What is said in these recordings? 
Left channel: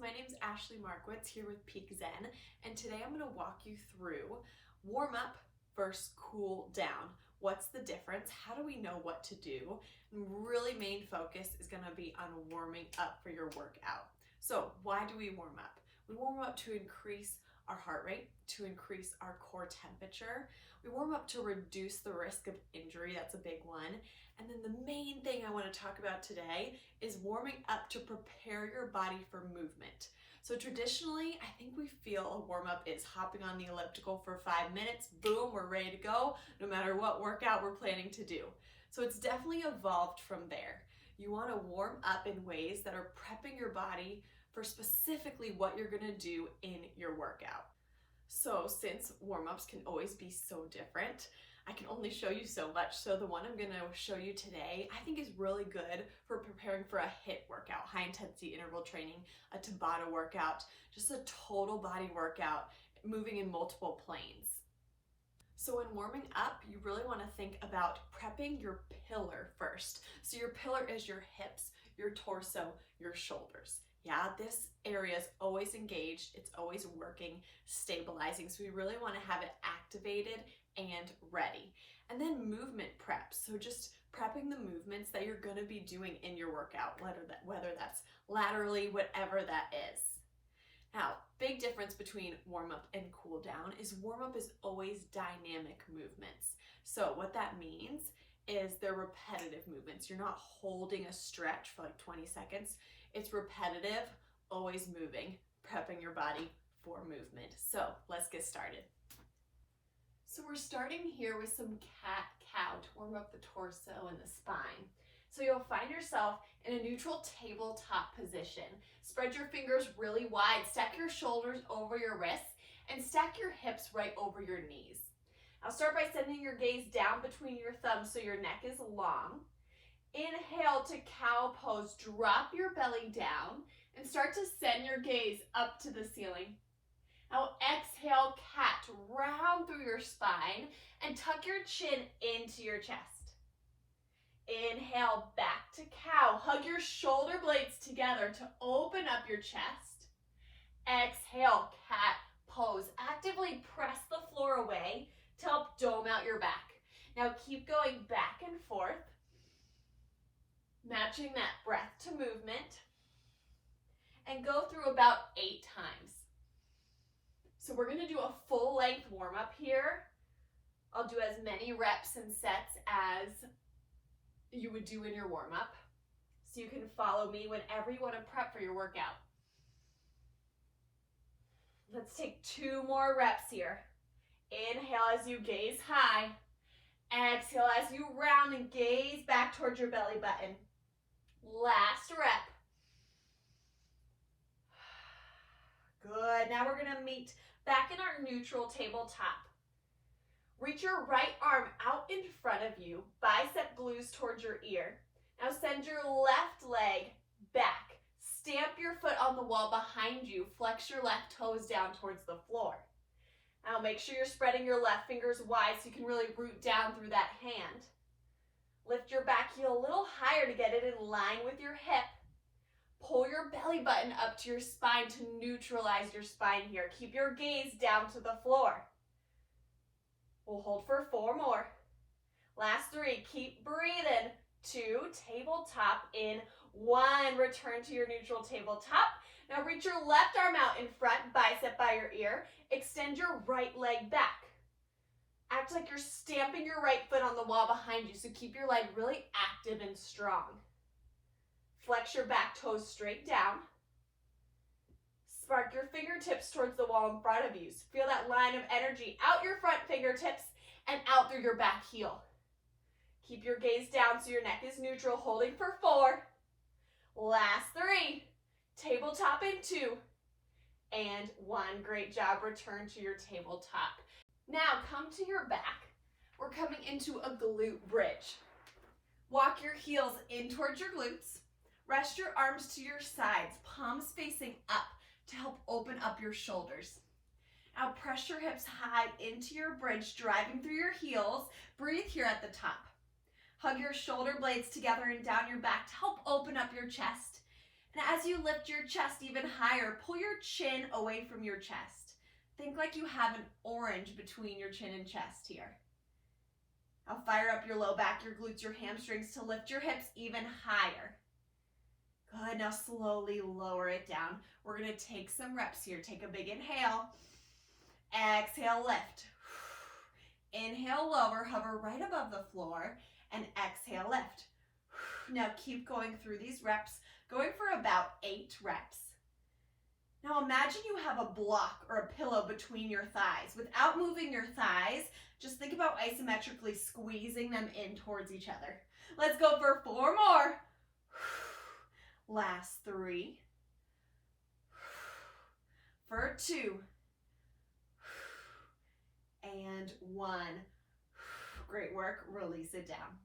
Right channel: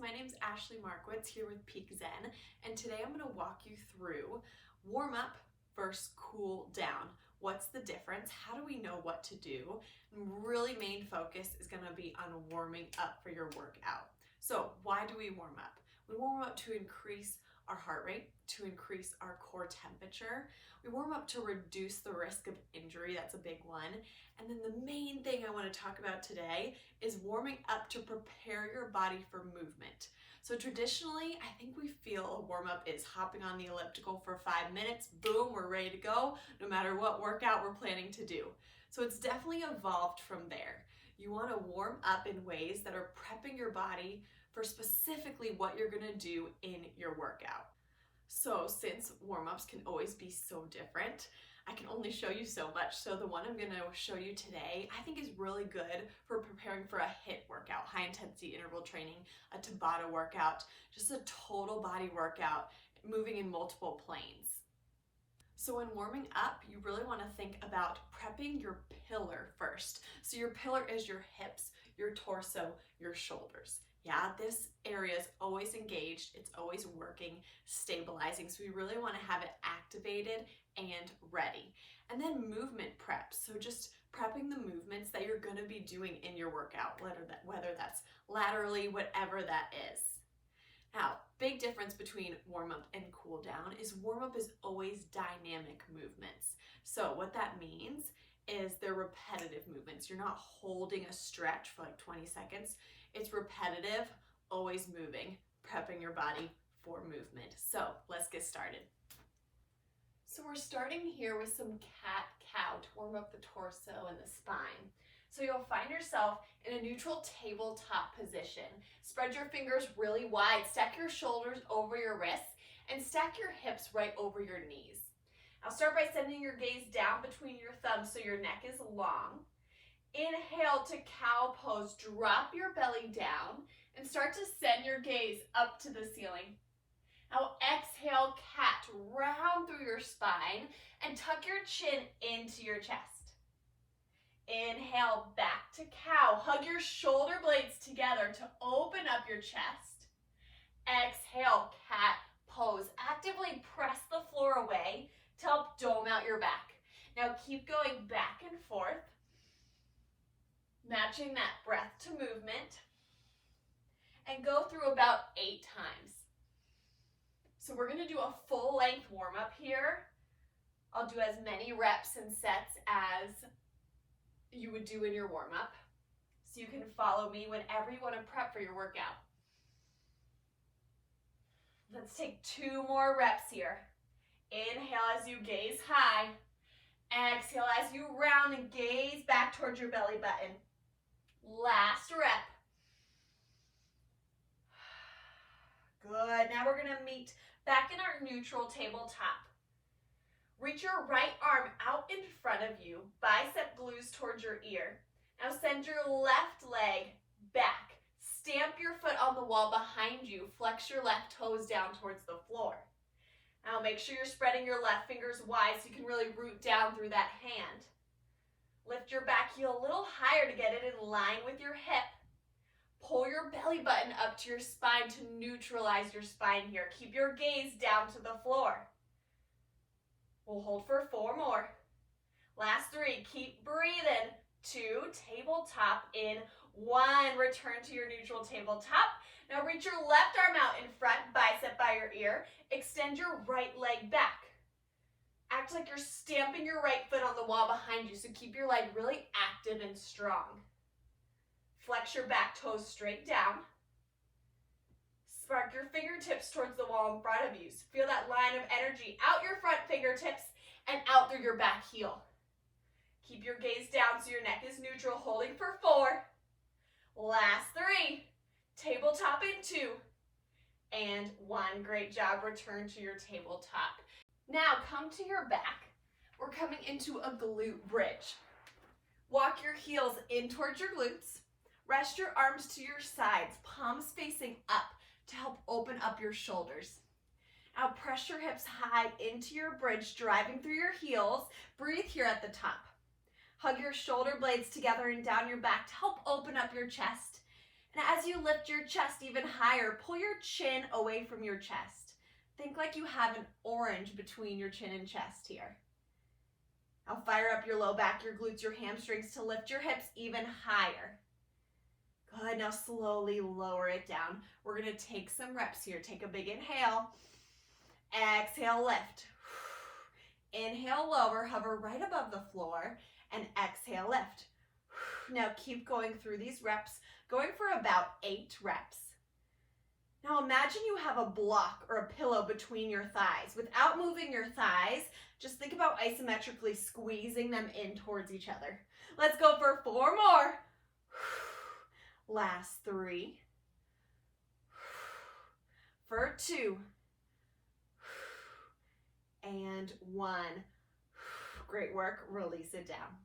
my name's Ashley Markowitz here with Peak Zen, and today I'm going to walk you through warm up versus cool down. What's the difference? How do we know what to do? And really main focus is going to be on warming up for your workout. So why do we warm up? We warm up to increase our heart rate, to increase our core temperature. We warm up to reduce the risk of injury. That's a big one. And then the main thing I want to talk about today is warming up to prepare your body for movement. So traditionally, I think we feel a warm up is hopping on the elliptical for 5 minutes, boom, we're ready to go, no matter what workout we're planning to do. So it's definitely evolved from there. You want to warm up in ways that are prepping your body for specifically what you're going to do in your workout. So since warm-ups can always be so different, I can only show you so much. So the one I'm going to show you today, I think is really good for preparing for a HIIT workout, high intensity interval training, a Tabata workout, just a total body workout, moving in multiple planes. So when warming up, you really want to think about prepping your pillar first. So your pillar is your hips, your torso, your shoulders. Yeah, this area is always engaged, it's always working, stabilizing. So we really want to have it activated and ready. And then movement prep. So just prepping the movements that you're going to be doing in your workout, whether that's laterally, whatever that is. Now, big difference between warm up and cool down is warm up is always dynamic movements. So what that means is they're repetitive movements. You're not holding a stretch for like 20 seconds. It's repetitive, always moving, prepping your body for movement. So let's get started. So we're starting here with some cat-cow to warm up the torso and the spine. So you'll find yourself in a neutral tabletop position. Spread your fingers really wide, stack your shoulders over your wrists, and stack your hips right over your knees. Now start by sending your gaze down between your thumbs so your neck is long. Inhale to cow pose, drop your belly down and start to send your gaze up to the ceiling. Now exhale, cat, round through your spine and tuck your chin into your chest. Inhale, back to cow. Hug your shoulder blades together to open up your chest. Exhale, cat pose. Actively press the floor away to help dome out your back. Now keep going back and forth, matching that breath to movement, and go through about 8 times. So we're going to do a full length warm up here. I'll do as many reps and sets as you would do in your warm up, so you can follow me whenever you want to prep for your workout. Let's take 2 more reps here. Inhale as you gaze high. Exhale as you round and gaze back towards your belly button. Last rep. Good. Now we're going to meet back in our neutral tabletop. Reach your right arm out in front of you, bicep glues towards your ear. Now send your left leg back. Stamp your foot on the wall behind you. Flex your left toes down towards the floor. Now make sure you're spreading your left fingers wide so you can really root down through that hand. Lift your back heel a little higher to get it in line with your hip. Pull your belly button up to your spine to neutralize your spine here. Keep your gaze down to the floor. We'll hold for 4 more. Last 3, keep breathing. 2, tabletop in. 1, return to your neutral tabletop. Now reach your left arm out in front, bicep by your ear. Extend your right leg back. Act like you're stamping your right foot on the wall behind you, so keep your leg really active and strong. Flex your back toes straight down. Spark your fingertips towards the wall in front of you. So feel that line of energy out your front fingertips and out through your back heel. Keep your gaze down so your neck is neutral, holding for 4. Last 3. Tabletop in 2. And 1. Great job. Return to your tabletop. Now come to your back. We're coming into a glute bridge. Walk your heels in towards your glutes. Rest your arms to your sides, palms facing up to help open up your shoulders. Now press your hips high into your bridge, driving through your heels. Breathe here at the top. Hug your shoulder blades together and down your back to help open up your chest. And as you lift your chest even higher, pull your chin away from your chest. Think like you have an orange between your chin and chest here. Now fire up your low back, your glutes, your hamstrings to lift your hips even higher. Good, now slowly lower it down. We're gonna take some reps here. Take a big inhale. Exhale, lift. Inhale, lower, hover right above the floor, and exhale, lift. Now keep going through these reps, going for about 8 reps. Now imagine you have a block or a pillow between your thighs. Without moving your thighs, just think about isometrically squeezing them in towards each other. Let's go for 4 more. Last 3. For 2. And 1. Great work. Release it down.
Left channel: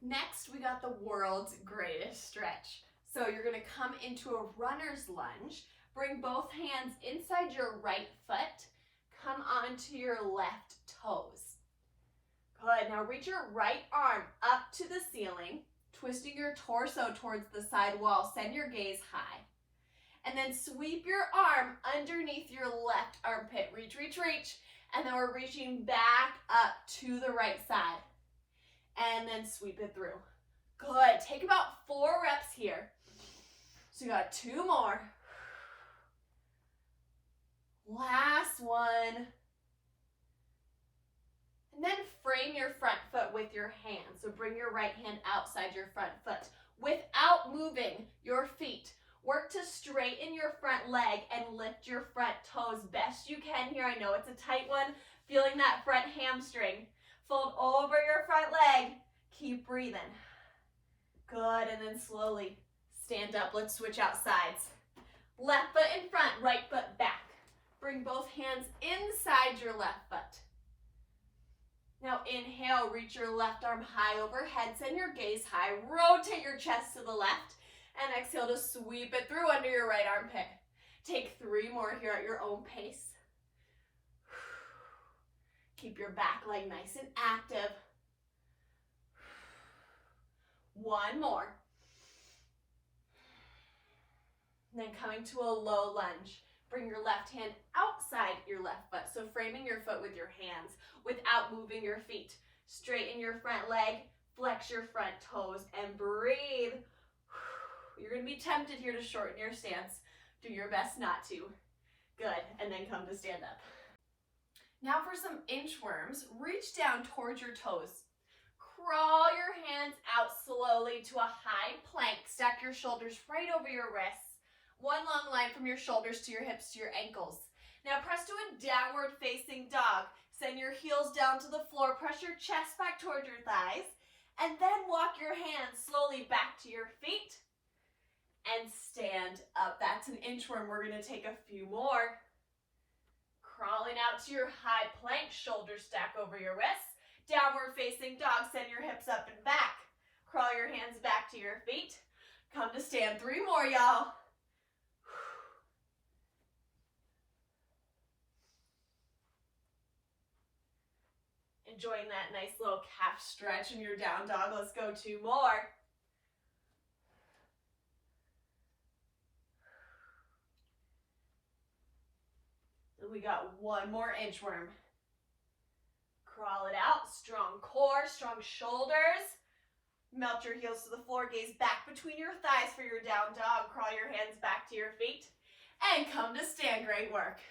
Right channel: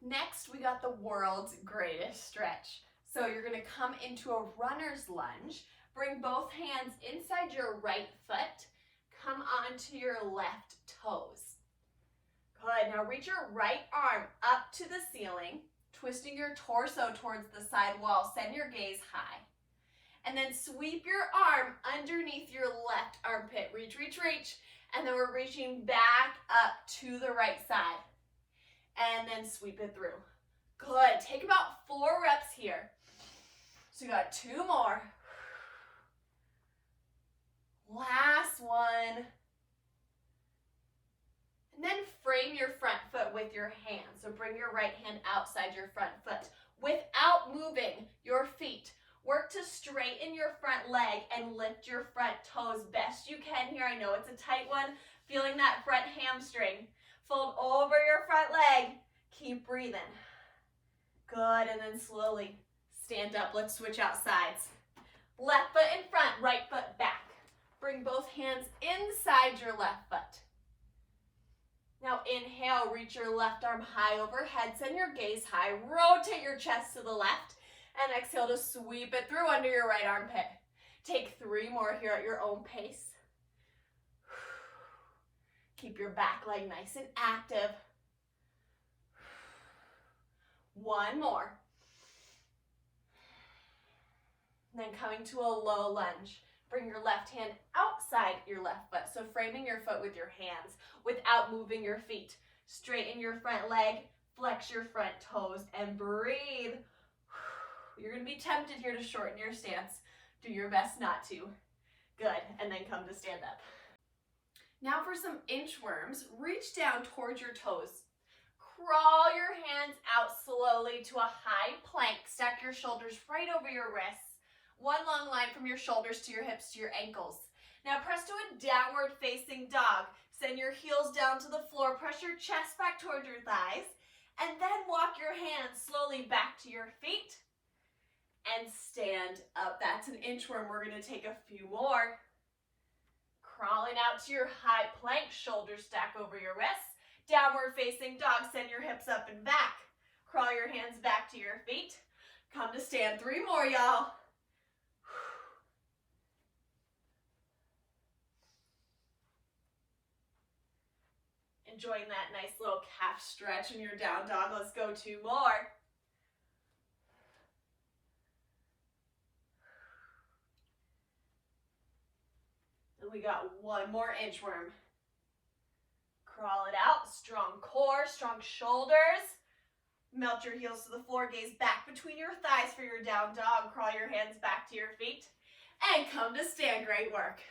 Next, we got the world's greatest stretch. So you're going to come into a runner's lunge. Bring both hands inside your right foot. Come onto your left toes. Good. Now reach your right arm up to the ceiling, twisting your torso towards the side wall. Send your gaze high. And then sweep your arm underneath your left armpit. Reach, reach, reach. And then we're reaching back up to the right side. And then sweep it through. Good. Take about 4 reps here. So you got 2 more. Last one. And then frame your front foot with your hand. So bring your right hand outside your front foot without moving your feet. Work to straighten your front leg and lift your front toes best you can here. I know it's a tight one. Feeling that front hamstring. Fold over your front leg. Keep breathing. Good, and then slowly stand up. Let's switch out sides. Left foot in front, right foot back. Bring both hands inside your left foot. Now inhale, reach your left arm high overhead. Send your gaze high. Rotate your chest to the left. And exhale to sweep it through under your right armpit. Take 3 more here at your own pace. Keep your back leg nice and active. 1 more. And then coming to a low lunge. Bring your left hand outside your left foot. So framing your foot with your hands without moving your feet. Straighten your front leg, flex your front toes, and breathe. You're going to be tempted here to shorten your stance. Do your best not to. Good. And then come to stand up. Now for some inchworms, reach down towards your toes. Crawl your hands out slowly to a high plank. Stack your shoulders right over your wrists. 1 long line from your shoulders to your hips to your ankles. Now press to a downward facing dog. Send your heels down to the floor. Press your chest back towards your thighs. And then walk your hands slowly back to your feet. And stand up. That's an inchworm. We're going to take a few more. Crawling out to your high plank, shoulders stack over your wrists. Downward facing dog, send your hips up and back. Crawl your hands back to your feet. Come to stand. 3 more, y'all. Enjoying that nice little calf stretch in your down dog. Let's go 2 more. And we got 1 more inchworm. Crawl it out. Strong core, strong shoulders. Melt your heels to the floor. Gaze back between your thighs for your down dog. Crawl your hands back to your feet. And come to stand. Great work.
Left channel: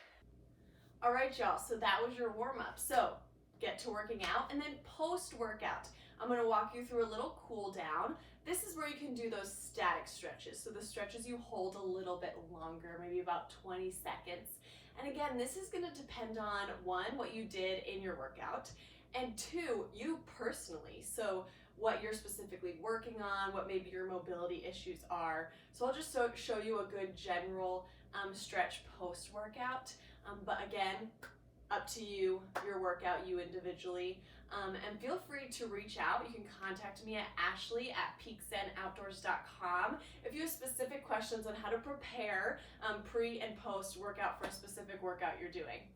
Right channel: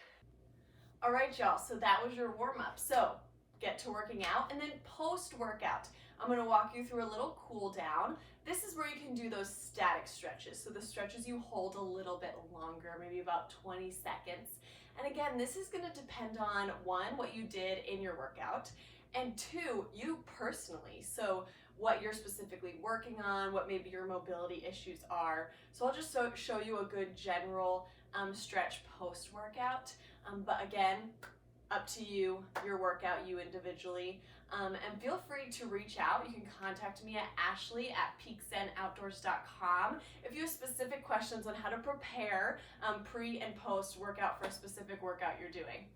All right, y'all. So that was your warm-up. So get to working out, and then post-workout, I'm going to walk you through a little cool down. This is where you can do those static stretches. So the stretches you hold a little bit longer, maybe about 20 seconds. And again, this is going to depend on 1, what you did in your workout, and 2, you personally. So what you're specifically working on, what maybe your mobility issues are. So I'll just show you a good general stretch post-workout. But again, up to you, your workout, you individually. And feel free to reach out. You can contact me at ashley@peakzenoutdoors.com if you have specific questions on how to prepare pre and post workout for a specific workout you're doing.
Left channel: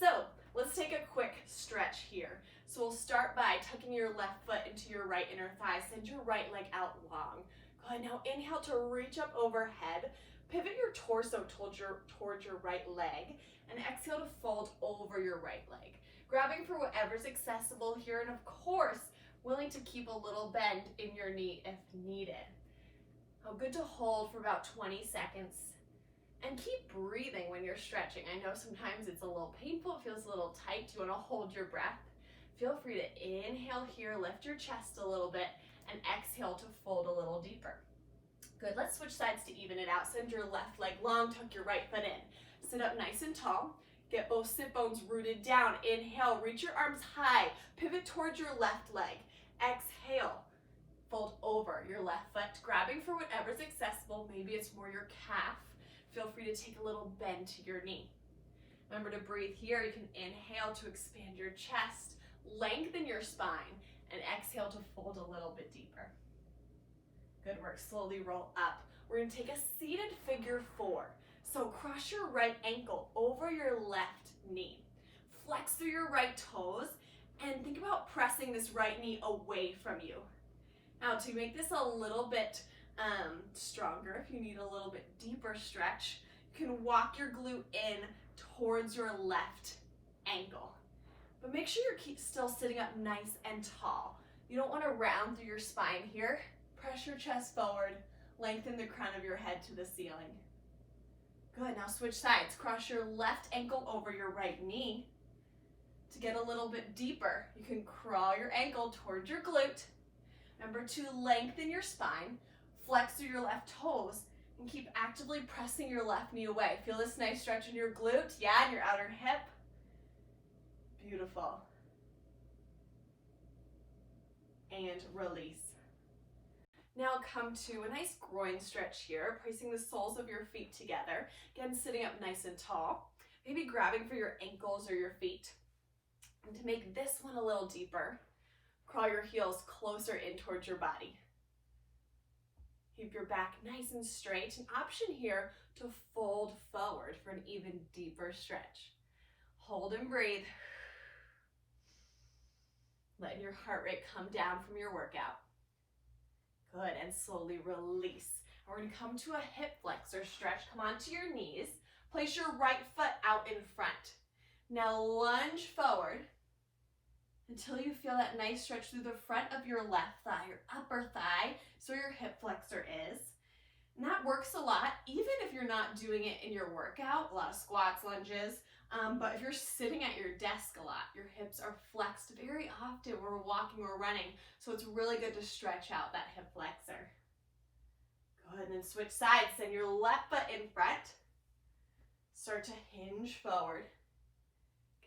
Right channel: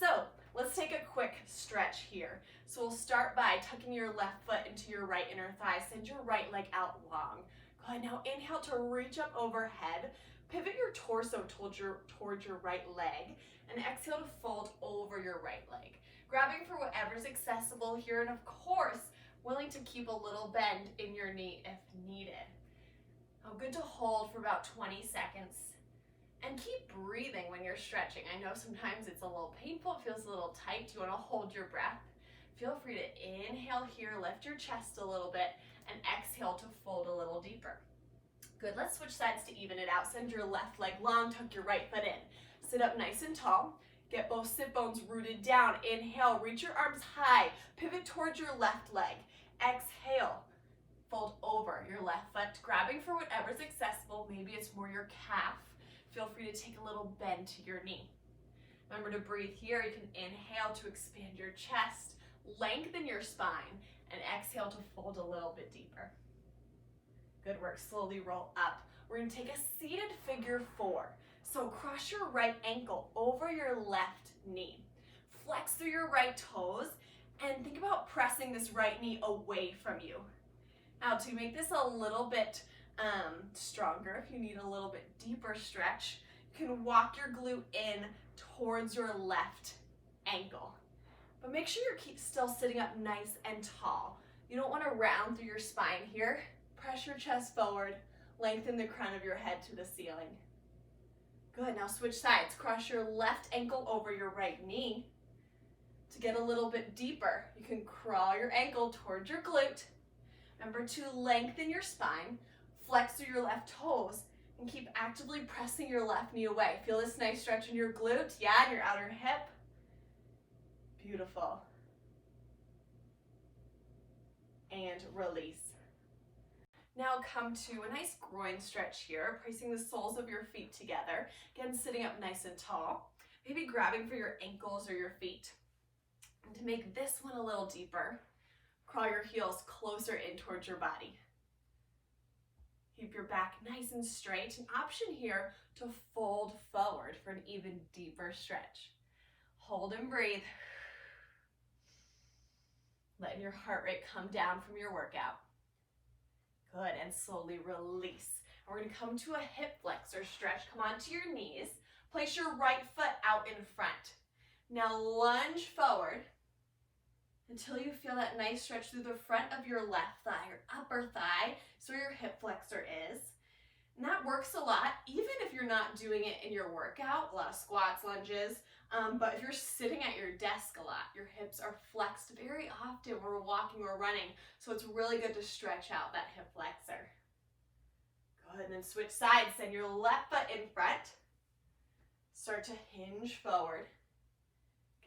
So let's take a quick stretch here. So we'll start by tucking your left foot into your right inner thigh. Send your right leg out long. Good, now inhale to reach up overhead. Pivot your torso towards your right leg, and exhale to fold over your right leg. Grabbing for whatever's accessible here, and of course, willing to keep a little bend in your knee if needed. Oh, good to hold for about 20 seconds. And keep breathing when you're stretching. I know sometimes it's a little painful, it feels a little tight. You want to hold your breath. Feel free to inhale here, lift your chest a little bit, and exhale to fold a little deeper. Good, let's switch sides to even it out. Send your left leg long, tuck your right foot in. Sit up nice and tall. Get both sit bones rooted down. Inhale, reach your arms high. Pivot towards your left leg. Exhale, fold over your left foot, grabbing for whatever's accessible. Maybe it's more your calf. Feel free to take a little bend to your knee. Remember to breathe here. You can inhale to expand your chest, lengthen your spine, and exhale to fold a little bit deeper. Good work. Slowly roll up. We're going to take a seated figure four. So cross your right ankle over your left knee. Flex through your right toes, and think about pressing this right knee away from you. Now, to make this a little bit stronger, if you need a little bit deeper stretch, you can walk your glute in towards your left ankle. But make sure you're still sitting up nice and tall. You don't want to round through your spine here. Press your chest forward, lengthen the crown of your head to the ceiling. Good, now switch sides. Cross your left ankle over your right knee. To get a little bit deeper, you can crawl your ankle towards your glute. Remember to lengthen your spine, flex through your left toes, and keep actively pressing your left knee away. Feel this nice stretch in your glute, yeah, and your outer hip. Beautiful. And release. Now come to a nice groin stretch here, placing the soles of your feet together. Again, sitting up nice and tall. Maybe grabbing for your ankles or your feet. And to make this one a little deeper, crawl your heels closer in towards your body. Keep your back nice and straight. An option here to fold forward for an even deeper stretch. Hold and breathe. Letting your heart rate come down from your workout. Good, and slowly release. We're going to come to a hip flexor stretch. Come onto your knees. Place your right foot out in front. Now lunge forward until you feel that nice stretch through the front of your left thigh, your upper thigh, so your hip flexor is. And that works a lot, even if you're not doing it in your workout, a lot of squats, lunges, but if you're sitting at your desk a lot, your hips are flexed very often when we're walking or running, so it's really good to stretch out that hip flexor. Go ahead and then switch sides. Send your left foot in front. Start to hinge forward,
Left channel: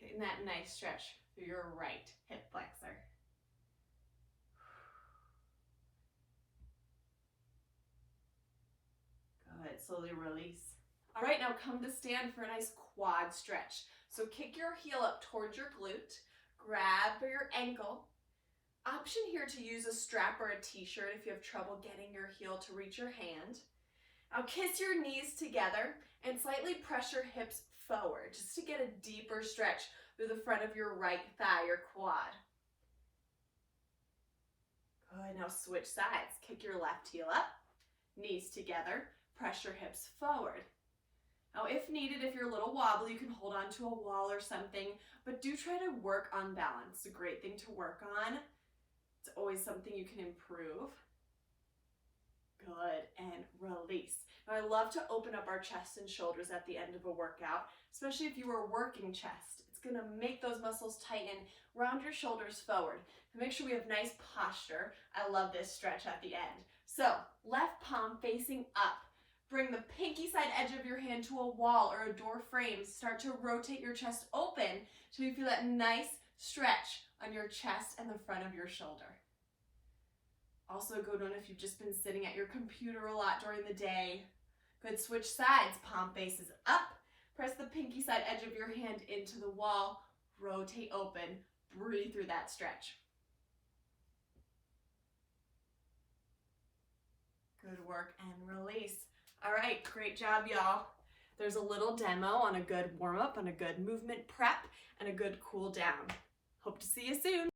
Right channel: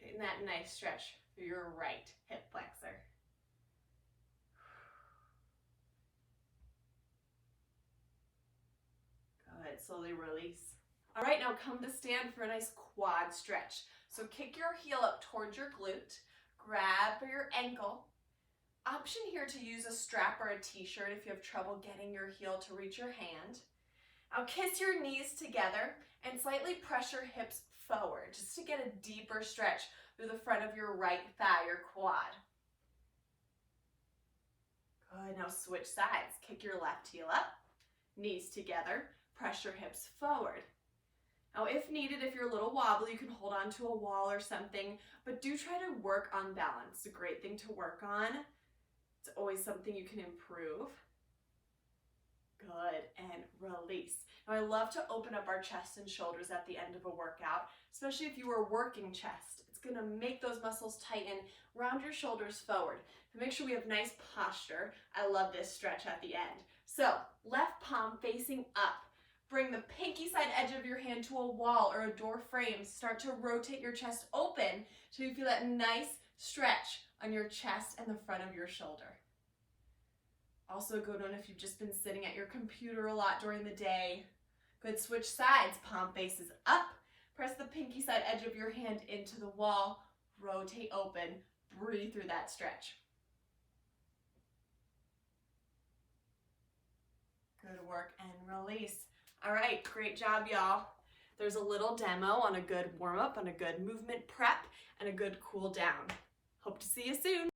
getting that nice stretch through your right hip flexor. Good, slowly release. All right, now come to stand for a nice quad stretch. So kick your heel up towards your glute, grab for your ankle. Option here to use a strap or a t-shirt if you have trouble getting your heel to reach your hand. Now kiss your knees together and slightly press your hips forward just to get a deeper stretch through the front of your right thigh or quad. Good, now switch sides. Kick your left heel up, knees together, press your hips forward. Now if needed, if you're a little wobbly, you can hold on to a wall or something, but do try to work on balance. It's a great thing to work on. It's always something you can improve. Good, and release. Now I love to open up our chest and shoulders at the end of a workout, especially if you are working chest. It's gonna make those muscles tighten, round your shoulders forward. So make sure we have nice posture. I love this stretch at the end. So left palm facing up. Bring the pinky side edge of your hand to a wall or a door frame. Start to rotate your chest open so you feel that nice stretch on your chest and the front of your shoulder. Also a good one if you've just been sitting at your computer a lot during the day. Good, switch sides. Palm faces up. Press the pinky side edge of your hand into the wall. Rotate open. Breathe through that stretch. Good work, and release. All right, great job, y'all. There's a little demo on a good warm-up, on a good movement prep, and a good cool down. Hope to see you soon.